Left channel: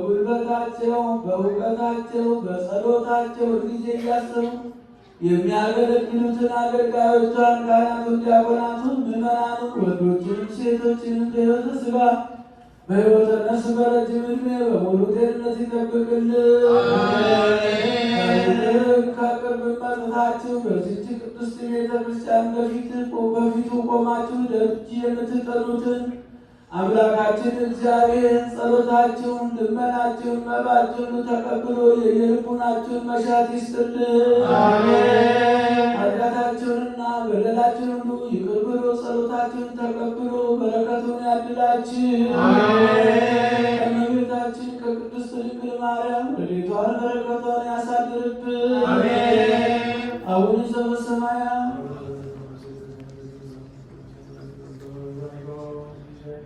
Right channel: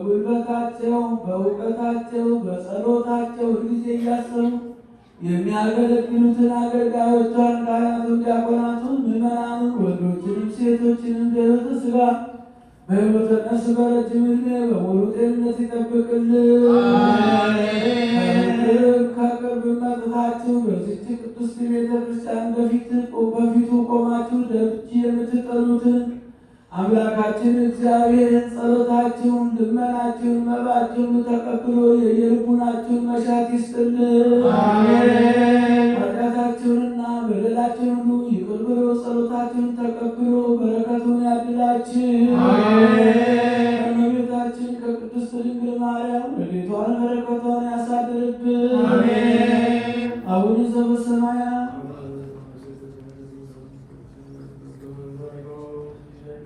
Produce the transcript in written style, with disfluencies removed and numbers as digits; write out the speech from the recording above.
በጉልበታቸው በእውቀታቸው በጸሎታቸው ጊዜ እያሰቡ የሚያገለግሉትን አገልጋዮቿን ካህናቱን፣ ዲያቆናቱን፣ ምዕመናኑን ወንዶችንም ሴቶችንም በሕይወተ ሥጋ በሕይወተ ነፍስ በረጅም ዕድሜ በሙሉ ጤንነት ይጠብቅልን። ከቅርብ መጥታችሁ በዚህች ቅድስት ቤተ ክርስቲያን በፊቱ ቆማችሁ ደጅ የምትጠኑትን አምላካችን እግዚአብሔር ጸሎታችሁን፣ ልመናችሁን፣ መባችሁን ተቀብሎ የየልቡናችሁን መሻት ይስጥልን። ኃጢአታችሁንና በደላችሁን ሁሉ ይቅር ብሎ ጸሎታችሁን ተቀብሎ በረከቱን ያድላችሁ።